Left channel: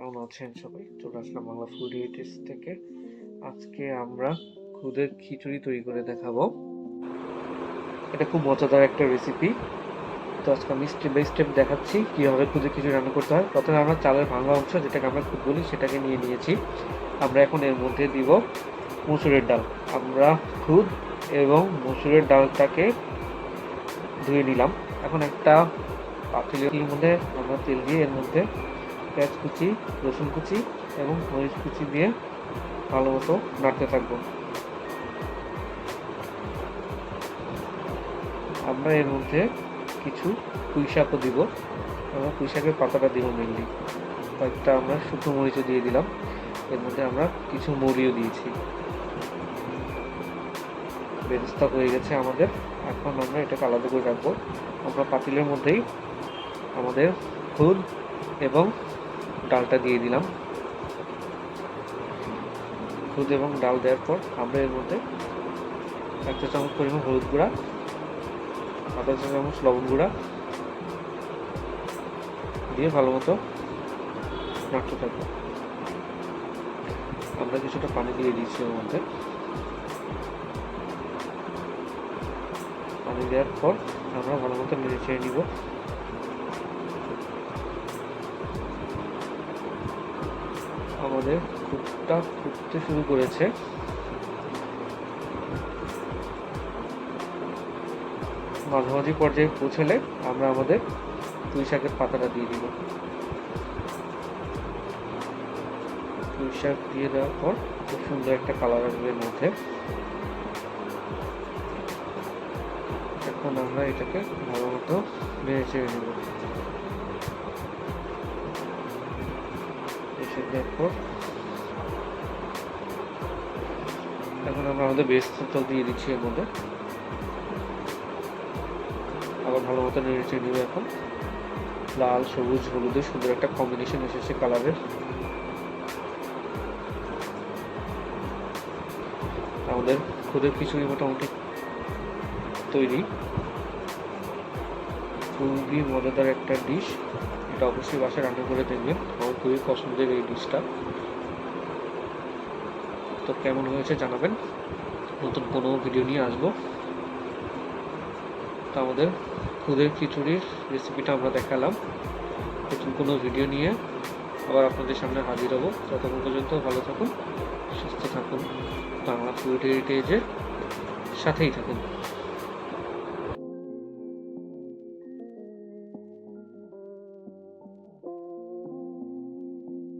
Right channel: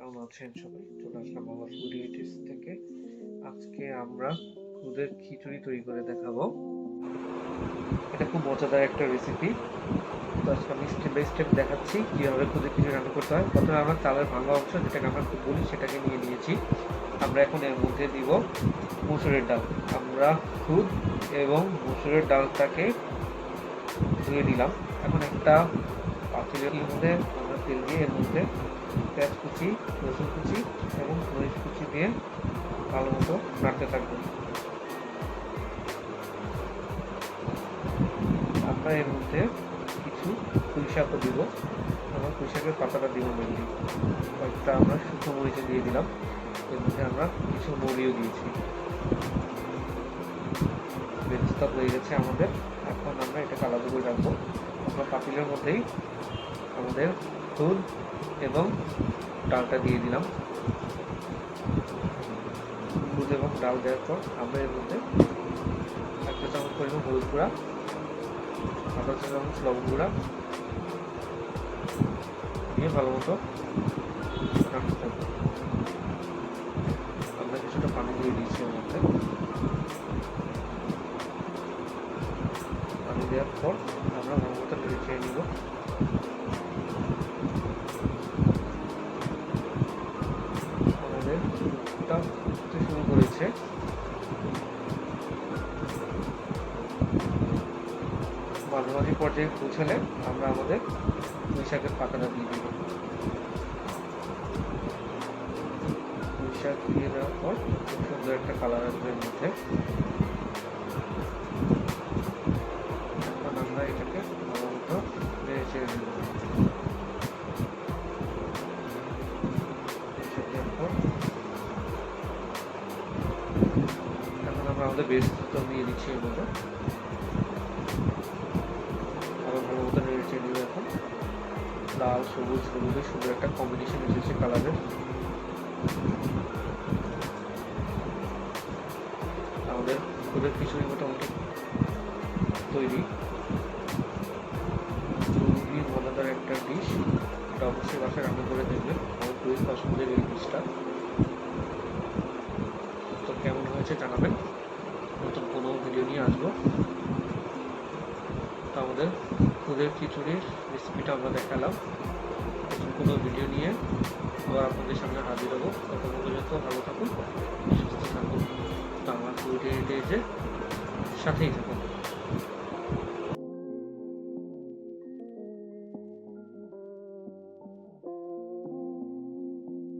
কেমন আছেন সবাই? চলে আসলাম বাংলা ফুড হেরিটেজ থেকে। আজকে আমরা খুদের খিচুড়ি তৈরি করে দেখাবো। এটা খুব মজাদার একটা রেসিপি। তো আজকে আমি স্টেপ বাই স্টেপ দেখাচ্ছি কীভাবে খুদের খিচুড়ি রান্না করতে হয়। প্রথমে আমরা চালের ভাঙা অংশ, যেটাকে আমরা খুদ বলি, সেটাকে নিয়ে নিয়েছি। আমরা এখন এর মধ্যে দিব মসুরের ডাল। আমরা খুদ এবং মসুরের ডালটাকে ধুয়ে নিলাম। এখন একটা পাতিলের মধ্যে আমরা তেল দিয়ে এর মধ্যে পেঁয়াজ কুচি, রসুন কুচি এবং মরিচ কুচি দিয়ে ভালো মতো নাড়তে থাকবো। আমরা এর মধ্যে কিছু পুঁই শাকও দিব এবং পুঁই শাকের পাতাটা দিব মেনলি। কয়েকটা আমরা শুকনো মরিচও দিয়ে দিলাম। এর মধ্যে আমরা কিছু মরিও দিয়েছি। বেরেস্তা হয়ে গেছে আমাদের। এখন আমরা এটাকে আলাদা করে রাখবো। আমরা পাতিলের মধ্যেই আমাদের খুদ এবং ডালটা দিয়ে দিলাম। দুধ এবং ডাল দেওয়ার পর আমরা এর মধ্যে 1 চা চামচ পরিমাণ হলুদ গুঁড়া, 1/2 চা চামচ লবণ গুঁড়া দিয়ে ভালো মতো নাড়তে থাকবো। আমরা কিছুটা পানি দিয়ে দিচ্ছি এর মধ্যে। পানি দেওয়ার পর আমরা ভালো মতো নেড়ে চেড়ে নিব। আমাদের দুধটা ফুটতে শুরু করেছে। মাঝামাঝি পর্যায়ে পৌঁছলে আমরা আমাদের পুঁই শাকের পাতাটা দিয়ে দিব। পুঁই শাক দিয়ে দেওয়ার পর খুব সুন্দর একটা কালার আসবে এর মধ্যে। এখন আমরা এটাকে ভালো মতো নেড়ে চেড়ে নেব। এখন আমরা আমাদের বেরেস্তা দিয়ে দিচ্ছি এর মধ্যে। আবার ভালো মতো নেড়ে চেড়ে নেব। এখন লাল, সবুজ, হলুদের সুন্দর একটা কম্বিনেশন এসেছে কালারের। আমাদের খুদের খিচুড়ি মোটামুটি তৈরি। খুবই মজাদার একটা ডিশ। এটা অবশ্যই বাসায় রান্না করে দেখবেন। আমার খুবই পছন্দের এই ডিশটা। তো কেমন হয়েছে জানাবেন। নতুন কোনো ভিডিও নিয়ে আসবো। তো আমাদের খুদের খিচুড়ির রেসিপিটা আমরা দেখালাম। নতুন কোনো ভিডিও নিয়ে আবার আপনাদের সামনে হাজির হবো। ততক্ষণ পর্যন্ত ভালো থাকুন, সুস্থ থাকুন। বাংলা ফুড হেরিটেজের সাথেই থাকুন।